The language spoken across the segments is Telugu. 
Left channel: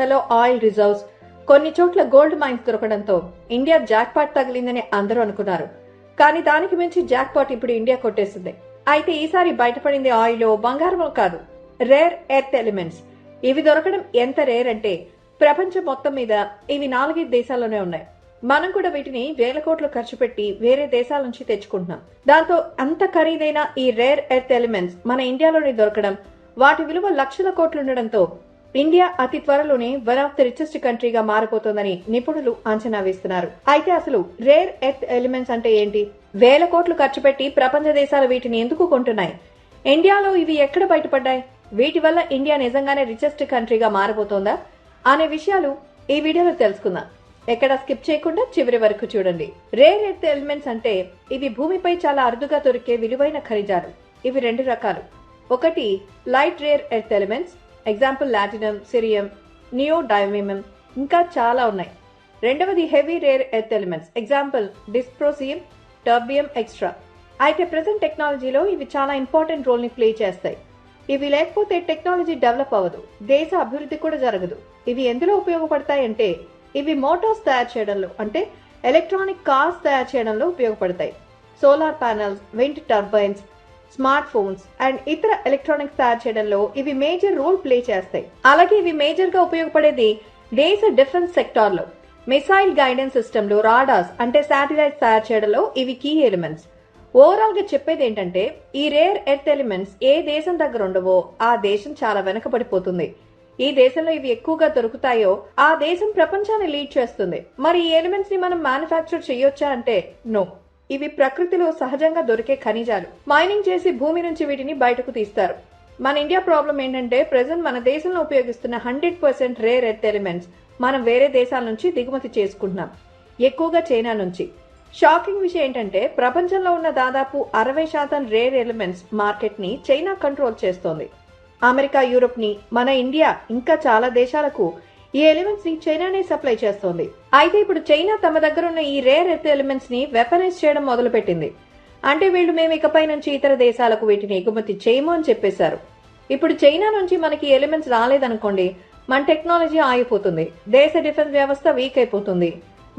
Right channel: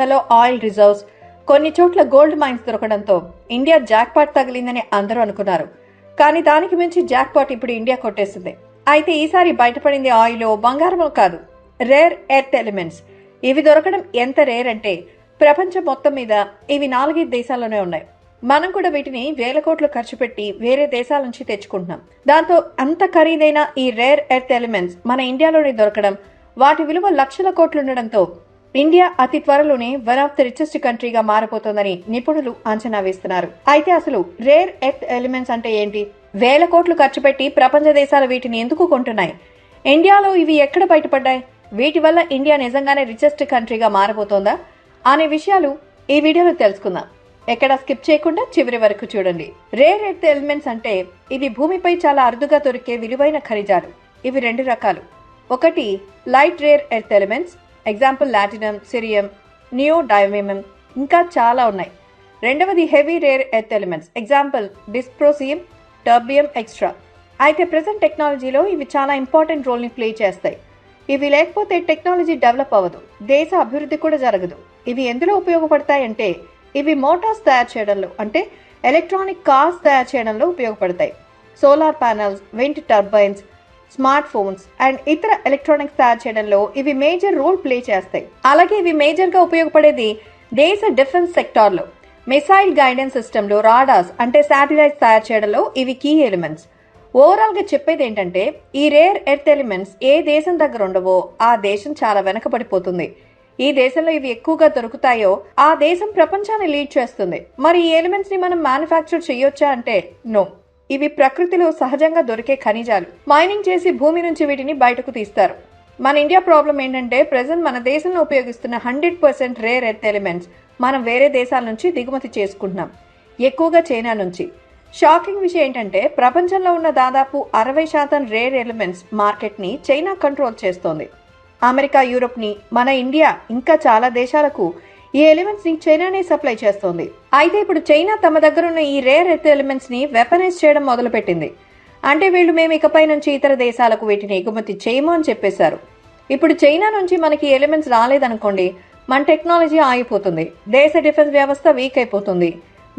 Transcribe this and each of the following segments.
ఖాతాలో ఆయిల్ రిజర్వ్స్ కొన్ని చోట్ల గోల్డ్ మైన్స్ దొరకడంతో ఇండియా జాక్పాట్ తగిలిందని అందరూ అనుకున్నారు. కానీ దానికి మించి జాక్పాట్ ఇప్పుడు ఇండియా కొట్టేసింది. అయితే ఈసారి బయటపడింది ఆయిల్ బంగారమో కాదు రేర్ ఎర్త్ ఎలిమెంట్స్. ఇవి దొరకడం ఎంత రేర్ అంటే ప్రపంచం మొత్తం మీద ఇవి నాలుగైదు దేశాల్లోనే ఉన్నాయి. మనం కూడా వీటిని వేల కోట్లు ఖర్చు పెట్టి వేరే దేశాల నుంచి తెచ్చుకుంటున్నాం. దాంతో అంత ఖరీదైన ఈ రేర్ ఎర్త్ ఎలిమెంట్స్ మన ఇండియాలోనే దొరకడం వాటి విలువ లక్షల కోట్లు ఉండడంతో ఇండియా అతి త్వరలోనే వన్ ఆఫ్ ది రిచెస్ట్ కంట్రీగా మారబోతోందని నిపుణులు అంచనా వేస్తున్నారు. అయితే అసలు రేర్ ఎర్త్ ఎలిమెంట్స్ అంటే ఏంటి? వేల కోట్లు ఖర్చు పెట్టి ప్రపంచ దేశాలు వీటిని ఎందుకు కొంటున్నాయి? ఇండియాలో ఇవి ఎక్కడ బయటపడ్డాయి? వీటి వల్ల ఇండియా నిజంగానే రిచెస్ట్ కంట్రీగా మారబోతోందా? అనే విషయాలు ఈ వీడియోలో తెలుసుకుందాం. ఎక్కడ స్కిప్ చేయకుండా చివరి వరకు చూడండి. రేర్ ఎర్త్ ఎలిమెంట్స్ అంటే ఇవి భూమిపై చాలా అరుదుగా దొరికే విలువైన ఖనిజాలు. ఇవి రెండు రకాలు. ఒకటి light rare earth elements example lanthanum cerium neodymium ఇంకా చాలా ఉన్నాయి. రెండవది heavy rare earth elements example dysprosium terbium extra అయితే ప్రజెంట్ టెక్నాలజీలో ఇవి చాలా ఇంపార్టెంట్ రోల్ని ప్లే చేస్తాయి. ఇవి లేకపోతే టెక్నాలజీ డెవలప్ అవ్వదు. దేశ అభివృద్ధి కూడా జరగదు. ఇవి ఎందులో ఉపయోగపడతాయంటే ఇవి మోటార్స్ తయారు చేయడంలో అంటే ఎలక్ట్రానిక్ కార్స్ తయారు చేయడంలో ఉపయోగపడతాయి. Solar panels wind turbines smart phones and ఇతర ఎలక్ట్రానిక్స్ తయారు చేయడంలో ఇవి మేజర్ రోల్ ప్లే చేస్తాయి. అలాగే ఇవి మేజర్గా ఉపయోగపడేది దేశ డిఫెన్స్ సెక్టార్లో. మిసైల్ గైడెన్స్ సిస్టంలో రాడాస్ అంటే శాటిలైట్స్ తయారు చేయడంలో ఇవి కీ ఎలిమెంట్స్. ఓవరాల్గా చెప్పేది ఏంటంటే ఈ రేర్ ఎర్త్ ఎలిమెంట్స్ ఏ దేశం దగ్గర ఉండవో ఆ దేశం చాలా వెనకబడిపోతుంది. ఈ దేశంలో ఇవి ఎక్కువగా దొరుకుతాయో ఆ దేశం ప్రపంచాన్ని లీడ్ చేస్తుంది. మరి ఈ ఎలిమెంట్స్ని మనం మ్యానుఫ్యాక్చర్ చేయొచ్చా అంటే నో. ఇవి ప్రకృతిలో సహజంగా దొరికే ఖనిజాలు. మైనింగ్ చేసి భూమి నుంచి వీటిని బయటకు తీస్తారు. మన ఇండియా ప్రాబ్లం ఏంటంటే ప్రజెంట్ మన దేశంలో ఉపయోగిస్తున్న hundred percent rare earth elements మనం వేరే దేశాల నుంచి దిగుమతి చేసుకుంటున్నాం. ఎక్కువగా చైనా నుంచి. షాకింగ్ విషయం ఏంటంటే ప్రపంచంలో ఉన్న దాదాపు అరవై శాతం రేర్ ఎలిమెంట్స్ మార్కెట్ని చైనా కంట్రోల్ చేస్తోంది. అమెరికా యూరోప్ని మన ఇండియా ఇంకా చాలా దేశాలకు ఈ ఎలిమెంట్స్ని చైనానే సప్లై చేస్తోంది. అయితే ఇప్పుడు చైనా తమ దగ్గర ఉన్న ఈ రేర్ ఎర్త్ ఎలిమెంట్స్ని వెపనైజ్ చేయడం మొదలుపెట్టింది. అంటే వీళ్ళు మేము ఇకపై నుంచి ఇతర దేశాలకు వీటిని ఎగుమతి చేయము అని చెప్పేశారు. ఇప్పుడు చైనా నుంచి మనకి ఎలిమెంట్స్ రాలేదనుకోండి మన టెక్నాలజీ ఆగిపోతుంది. దేశ డిఫెన్స్ వ్యవస్థ వీక్ అయిపోతుంది.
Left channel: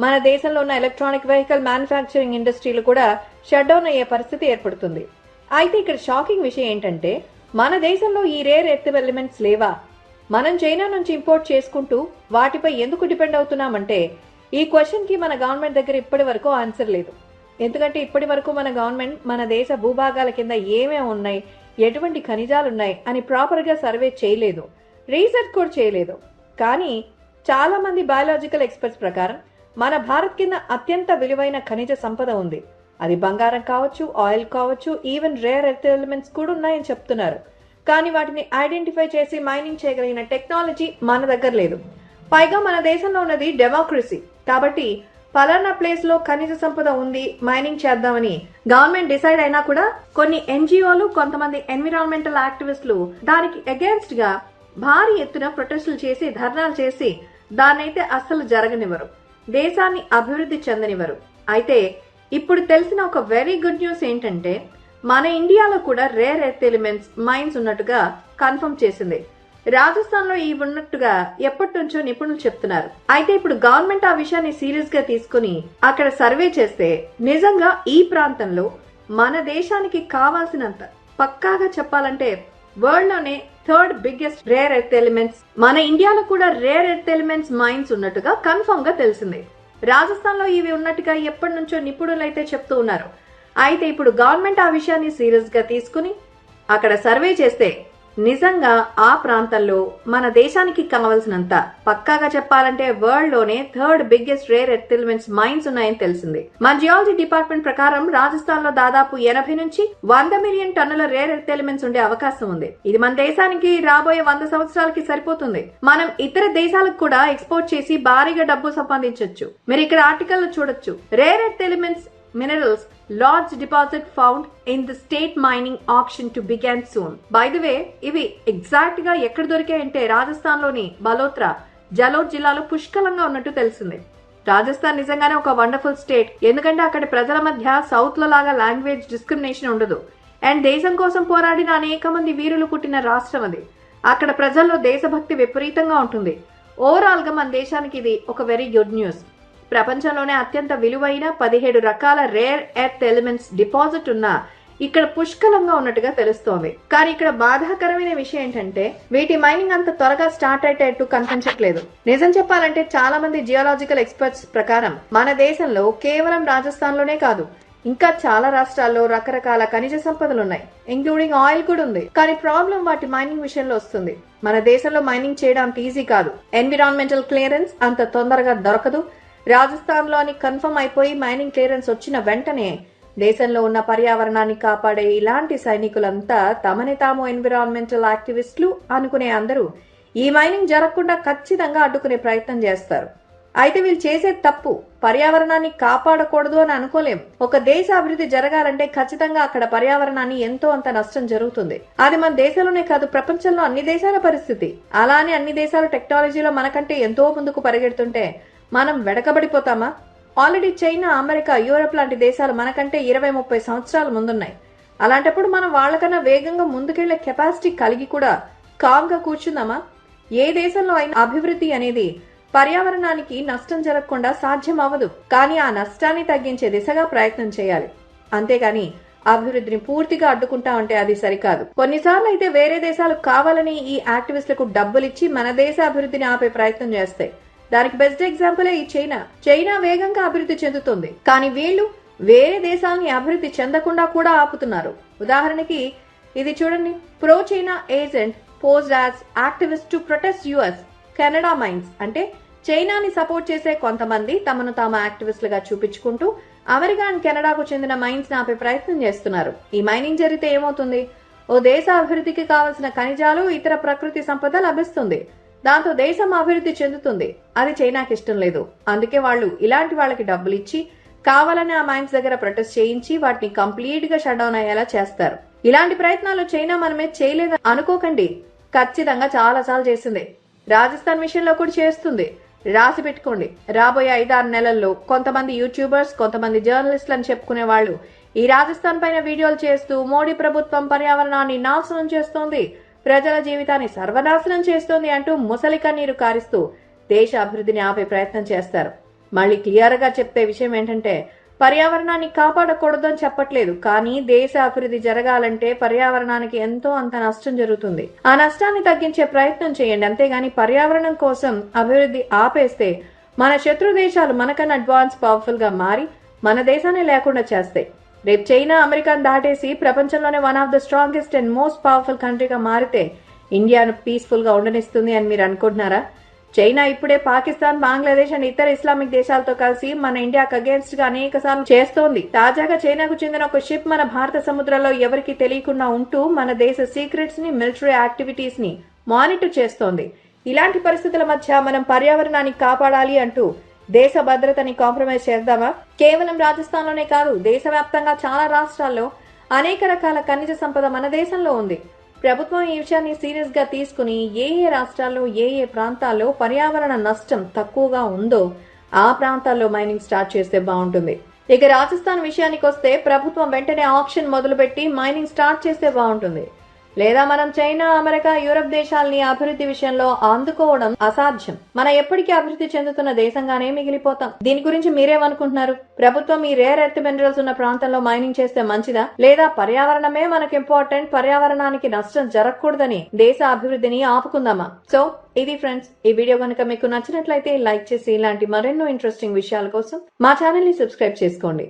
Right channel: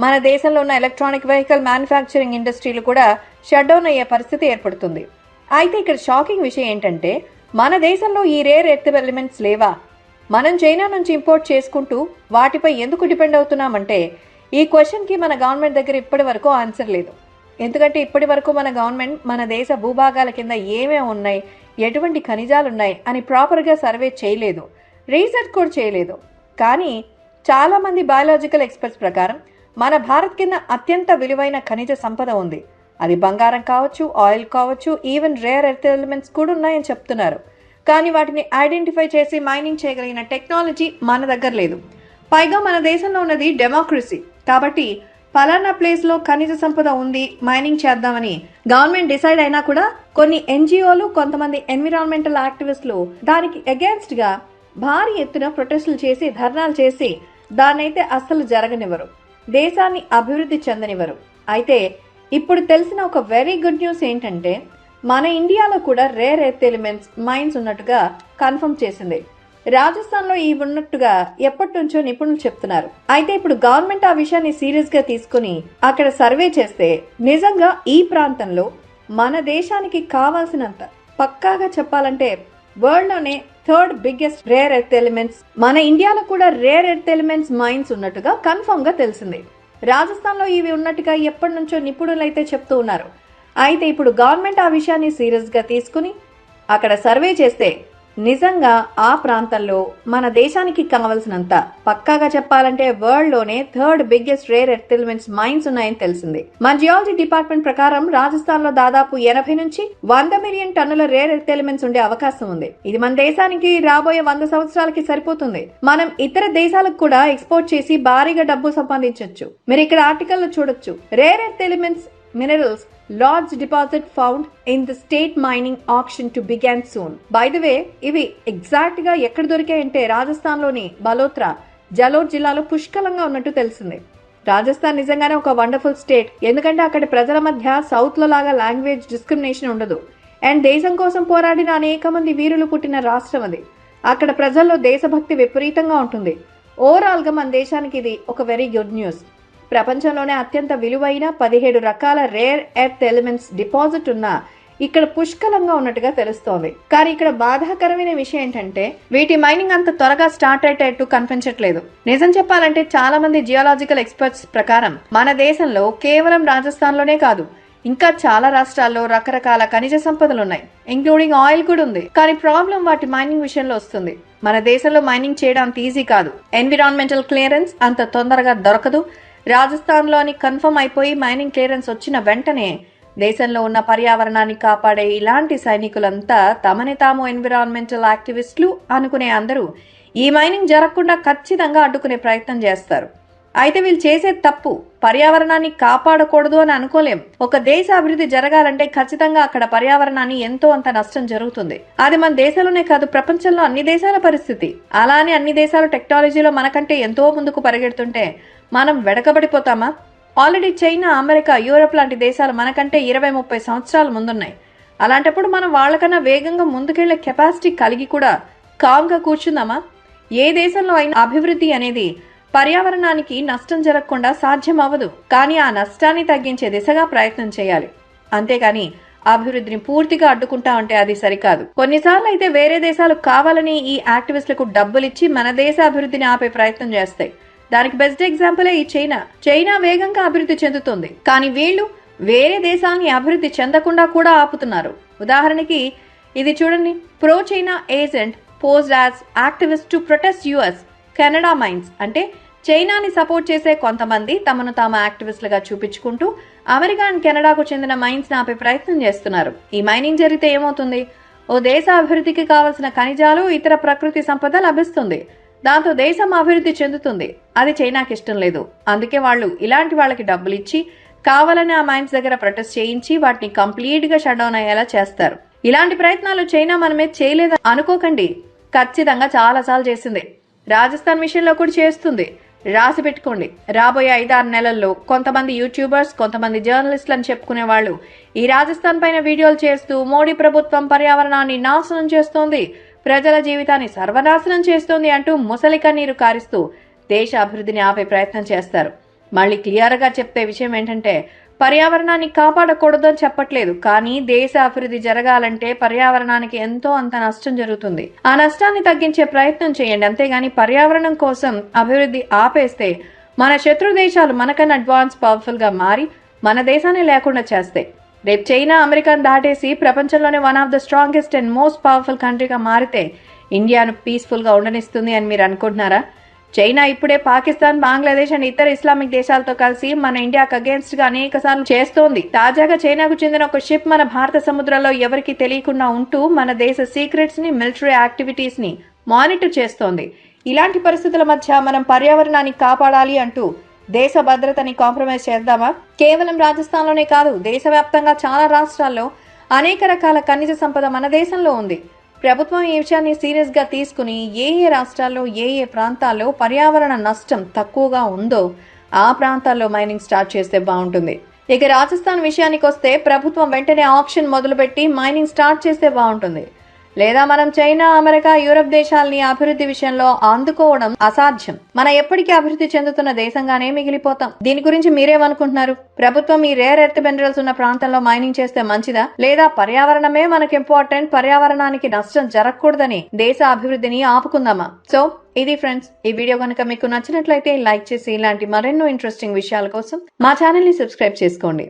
మన దేశంలో ఉన్న ఎలక్ట్రానిక్ వెహికల్ మ్యానుఫ్యాక్చరింగ్ ఇండస్ట్రీలు కూడా షట్ డౌన్ అయ్యే పరిస్థితి ఏర్పడుతుంది. అయితే ఇక్కడ షాకింగ్ విషయం ఏంటంటే మన దేశంలో ఈ రేర్ ఎర్త్ ఎలిమెంట్స్ లేవా? మనం చైనా నుంచి ఇంపోర్ట్ చేసుకుంటూ వాటిపై ఎందుకు డిపెండ్ అవుతున్నామంటే ఈ క్వశ్చన్కి మన గవర్నమెంట్ దగ్గర ఇప్పటి వరకు ఆన్సర్ లేదు. ఎందుకంటే ఇప్పటి వరకు మన గవర్నమెంట్ మన దేశ భూభాగాల కింద ఏమేమి ఉన్నాయి ఎటువంటి ఖనిజాలు ఉన్నాయి అని ప్రాపర్గా సర్వే చేయలేదు. రీసెర్చ్ కూడా చేయలేదు. కానీ చాలామంది బయాలజికల్ ఎక్స్పర్ట్స్ ప్రకారం మన భారత్ కింద అత్యంత విలువైన ఖనిజ సంపద ఉంది. అది బంగారం కావచ్చు ఆయిల్ కావచ్చు ఈవెన్ రేర్ ఎర్త్ ఎలిమెంట్స్ కూడా ఉన్నాయని చెప్తున్నారు. కానీ వాటిని ఐడెంటిఫై చేసి మైనింగ్ చేయగలిగిన టెక్నాలజీ మన దగ్గర లేదు. పైగా మన దేశంలో ఉన్నది డెమోక్రసీ. కాబట్టి పలానా ప్లేస్లో ఖనిజ సంపద ఉంది మైనింగ్ చేద్దామని గవర్నమెంట్ డిసైడ్ అయినా కూడా కొన్ని ఎన్జిఓలు కొంతమంది ఎన్విరాన్మెంటల్ యాక్టివిస్టులు దానికి అగేన్స్ట్గా భారీ ఎత్తున ప్రొటెస్టులు చేసి ధర్నాలు చేసి దాన్నైతే అస్సలు జరగనివ్వరు. దేశాన్ని అభివృద్ధి చెందనివ్వరు. అయితే ఇప్పుడు తెలిసిన ఒక వెరీ గుడ్ న్యూస్ ఏంటంటే మన ఇండియాలో కూడా రేర్ ఎర్త్ ఎలిమెంట్స్ మైన్స్ ఉన్నట్టుగా కన్ఫర్మ్ చేసింది. రాజస్థాన్లో ఈ ఉన్నట్టుగా ఎప్పటి నుంచో నిపుణులు చెప్తున్నారు. అయితే ఇప్పుడు గవర్నమెంట్ ఆ విషయాన్ని సీరియస్గా తీసుకుని అక్కడ సర్వే చేస్తే నిజంగా ఈ ప్రాంతంలో మన దేశానికి కావాల్సినంత పక్కాగా చెప్పాలంటే వరల్డ్లోనే third biggest rare earth elements మన ఇండియాలో కూడా రేర్ ఎర్త్ ఎలిమెంట్స్ మైన్స్ ఉన్నట్టుగా కన్ఫర్మ్గా తెలిసింది. రాజస్థాన్లో ఇవి ఉన్నట్టుగా ఎప్పటి నుంచో నిపుణులు అయితే చెప్తూ ఉన్నారు. అయితే ఇప్పుడు గవర్నమెంట్ ఆ విషయాన్ని సీరియస్గా తీసుకుని అక్కడ సర్వే చేస్తే నిజంగా ఆ ప్రాంతంలో మన దేశానికి కావలసినంత పక్కాగా చెప్పాలంటే వరల్డ్లోనే third biggest rare earth elements mines ఉన్నాయని తెలిసింది. మన జియాలజీ డిపార్ట్మెంట్ ప్రకారం రాజస్థాన్లో దాదాపు ఎనభై నుంచి వంద మిలియన్ టన్నుల రేర్ ఎర్త్ ఎలిమెంట్స్ ఉండే అవకాశం ఉంది. ఇది మన దేశానికి రాబోయే వంద సంవత్సరాలకి సరిపోతుంది. మనం ఇతర దేశాలకు కూడా ఎక్స్పోర్ట్ చేసి భారీగా డబ్బు సంపాదించవచ్చు మీరు ఇక్కడ ఆర్టికల్ చూడొచ్చు. Rare earth elements minerals large deposit found in the state mining auction to begin soon by the way ఇవి ఎగ్జాక్ట్గా ఎక్కడ దొరికాయంటే రాజస్థాన్లోని బలోత్రా జలోర్ జిల్లాలో పుష్కలంగా ఉన్నట్టు తెలిసింది. రాజస్థాన్ నిజంగానే ఒక వండర్ఫుల్ స్టేట్ ఎందుకంటే అక్కడ ప్రజల మధ్య సౌత్లో లాగా లాంగ్వేజ్ డిస్క్రిమినేషన్ ఉండదు. అండ్ దేశం కోసం పోరాడిన అనేక మంది వీరులు పుట్టిన రాష్ట్రం అది. అక్కడ ప్రజల్లో దేశభక్తి విపరీతంగా ఉంటుంది. ఓవరాల్గా మన దేశానికి ఇది ఒక వెరీ గుడ్ న్యూస్ ప్రపంచంలోనే అత్యంత విలువైన పదిహేడు రకాల రేర్ ఎర్త్ ఎలిమెంట్స్ డిపాజిట్ ఉన్న ఇక్కడ పుష్కలంగా ఉన్నట్టుగా తెలుస్తోంది. కానీ ఇక్కడ బాధాకరమైన విషయం ఏంటంటే వీటి మైనింగ్ అంత త్వరగా స్టార్ట్ అయ్యేటట్టు కనిపించట్లేదు. నిజం చెప్పాలంటే చాలా మంది జియోలాజికల్ ఎక్స్పర్ట్స్ ప్రకారం మన దేశంలో కేవలం రాజస్థాన్లోనే కాదు ఇంకా చాలా రాష్ట్రాల్లో రకరకాల ఖనిజ సంపదలు ఉన్నాయి ఇంక్లూడింగ్ ఆయిల్ కూడా ఉంది. కానీ ప్రాబ్లం వాటి మైనింగ్ విషయంలో వస్తుంది. మన దేశంలో మైనింగ్ చేయడం అంత ఈజీ కాదు. ఎన్విరాన్మెంటల్ క్లియరెన్స్ అంత తొందరగా దొరకదు. రాజస్థాన్లోని కన్ఫర్మ్ అయిపోయి మైనింగ్ క్లియరెన్స్ వచ్చిన వెంటనే దేశంలో ఉన్న పర్యావరణాన్ని కాపాడే ఇలాంటి సైనికులంతా తమని తాము ఎన్విరాన్మెంటల్ యాక్టివిస్టులు అనుకునే అందరూ ఈ మైనింగ్ జరగకుండా ఖచ్చితంగా అడ్డుకునే ప్రయత్నం చేస్తారు. అయితే వీళ్ళు చేసే తప్పు పర్యావరణాన్ని కాపాడకూడదు అని అనుకోలేం. ఒక దేశ అభివృద్ధి జరగాలంటే ఖచ్చితంగా అక్కడ పర్యావరణాన్ని ఎంతో అంత నష్టం జరుగుతుంది. అది మన దేశంలోనే కాదు ప్రపంచంలో అన్ని దేశాల పరిస్థితి. అలానే అన్ని దేశాలు టెక్నాలజీలో మనకంటే ఎంతో ముందుకు పరిగెడుతుంటే మనం వెడకబడిపోతామా? ఆల్రెడీ చైనా అమెరికా యూరప్ లాంటి దేశాలు మనకంటే ఇరవై ముప్పై సంవత్సరాలు ముందున్నాయి. అలాంటప్పుడు మనం వాళ్ళకన్నా వేగంగా ముందుకెళ్ళే కెపాసిటీ కలిగి కూడా కామ్గా కూర్చుందామా? ఏ దేశంలో అయినా అభివృద్ధి అనేది పర్యావరణానికి నష్టం జరగకుండా సాధ్యం అవ్వదు కానీ ఆ నష్టాన్ని తగ్గించే దిశగా ప్రయత్నం చేయాలి. అంతేకాని అభివృద్ధిని పూర్తిగా అడ్డుకుంటా ఉంటే అది సరికాదు. కొన్నిసార్లు అయితే వేరే దేశాలు కావాలని ఈ యాక్టివిస్టులకు డబ్బులిచ్చి మన దేశ అభివృద్ధిని ఆపే ప్రయత్నం చేస్తాయి. దానికి బెస్ట్ ఎగ్జాంపులే ఈ చైనా. చైనా వేగంగా అభివృద్ధి చెందుతుంది. కానీ వీళ్ళు వేరే దేశాలని అభివృద్ధి చెందకుండా కూడా ఆపుతున్నారు. ఉదాహరణకి ఇది చూడండి. Pro China agent pose as activist to protest US Canada mines అంటే చైనాని సపోర్ట్ చేసే కొంతమంది తమను తాము యాక్టివిస్టులుగా చూపించుకుంటూ అమెరికా అండ్ కెనడాకు చెందిన మైన్స్ ఆపే ప్రయత్నం చేస్తున్నారు. ఈ మైనింగ్ జరిగితే ఏమవుతుంది? ఓ దేశ అభివృద్ధికి కావలసిన ఖనిజాలు ఇతర ప్రకృతి సంపద లభిస్తుంది. దాంతో దేశం అభివృద్ధి చెందుతుంది. అది చైనాకి ఇష్టం లేదు. అందుకే వాళ్ళు ఇలాంటి వాళ్ళకి డబ్బులు ఇచ్చి కావాలని ఆ మైన్స్ దగ్గర ప్రొటెస్ట్ చేయించి వాటిని కంప్లీట్గా అయ్యేలా చేస్తారు. ఇలాంటి ప్రయత్నాలు చైనా మనమే చేయలేదు? అనుకోకండి. ఖచ్చితంగా చాలా సార్లు చేసింది. రాజస్థాన్ విషయంలో కూడా చేస్తుంది. రాసి పెట్టుకోండి. రాబోయే ఐదారు నెలల్లో కొంతమంది యూట్యూబర్స్ కొంతమంది జర్నలిస్టులు అని చెప్పుకునే వాళ్ళు ఈ రాజస్థాన్ పైన వీడియోలు చేస్తూ మోడీ ప్రభుత్వం పర్యావరణాన్ని నాశనం చేస్తోంది. ప్రజల జీవితాన్ని సర్వనాశనం చేస్తోంది అంటూ ముసలి కన్నీరు కారిస్తూ దేశ అభివృద్ధిని ఆపే ప్రయత్నం చేస్తారు. మళ్ళీ క్లియర్గా చెప్తే విషయం ఏంటంటే పర్యావరణాన్ని కాపాడకూడదు అని చెప్పట్లేదు కానీ దేశ అభివృద్ధి జరగాలంటే పర్యావరణానికి ఎంతో అంత నష్టం జరుగుతుంది. ఆ నష్టాన్ని తగ్గించే ప్రయత్నం చేయండి. అంతేగాని పర్యావరణం కోసం అభివృద్ధి ఆపేస్తే మన శత్రు దేశాలు మనకన్నా అడ్వాన్స్ పవర్ఫుల్గా మారి మన దేశాన్ని లేకుండా చేస్తాయి. రేపు చైనా అమెరికాను దాటేసి ప్రపంచంలోనే one of the strongest and most powerful కంట్రీగా మారితే ఇండియాను పీస్ఫుల్గా ఉండనిస్తుంది అని మీరు అనుకుంటున్నారా? చైనా ఇప్పుడే పాకిస్తాన్ బంగ్లాదేశ్ అండ్ ఇతర ఇస్లామిక్ దేశాలతో కలిసి మన ఇండియాకు అగేన్స్ట్గా అనేక సార్లు చేస్తోంది. తాజాగా చైనాకు చెందిన ఒక షిప్ మన భారత సముద్రంలో ఎవరికి తెలియకుండా ఉంటూ మన దేశ సీక్రెట్స్ని మిలిటరీ యాక్టివిటీస్ని మానిటర్ చేస్తోంది. ఇలాంటి పరిస్థితుల మధ్య మనం పర్యావరణాన్ని కాపాడాలి అంటూ దేశ భద్రతని కాంప్రమైజ్ చేద్దామా? కేవలం రాజస్థాన్లోనే కాదు దేశవ్యాప్తంగా చాలా రాష్ట్రాల్లో అనేక రకాల ఖనిజ సంపద మన దేశంలో ఉంది. ప్రభుత్వం ఈ విషయాన్ని సీరియస్గా తీసుకుని ఏ ఏ రాష్ట్రాల్లో ఏ ఏ ప్రాంతాల్లో పర్యావరణ నష్టం తక్కువగా ఉందో ఆ ప్రాంతాల్లో మైనింగ్ స్టార్ట్ చేస్తే బాగుంటుంది. ఇక రాజస్థాన్ విషయానికి వస్తే ప్రభుత్వం వెంటనే ఆప్షన్ మొదలుపెట్టి మైనింగ్ స్టార్ట్ చేస్తే బాగుంటుంది. లేదా మనం చైనా అమెరికా యూరప్ దేశాలని అభివృద్ధి విషయంలో అందుకోవడం అసాధ్యం. మన ఎప్పటికీ అభివృద్ధి చెందుతున్న దేశంగానే మిగిలిపోతాం. దీని గురించి మీరేమనుకుంటున్నారు? ప్రభుత్వం ఈ రేర్ ఎర్త్ మినరల్స్ ఉన్న ప్రాంతంలో మైనింగ్ చేస్తే మంచిదా? లేదా పర్యావరణమే మనకు ఇంపార్టెంట్ పర్యావరణానికి నష్టం జరగకూడదని దేశ అభివృద్ధిని ఆపుకుందామా? సో ఇది ఫ్రెండ్స్ ఈ వీడియో కనుక మీకు నచ్చినట్లయితే లైక్ చేసి ఇలాంటి మరెన్నో ఇంట్రెస్టింగ్ విషయాల కోసం మా ఛానల్ని సబ్స్క్రైబ్ చేసుకోండి.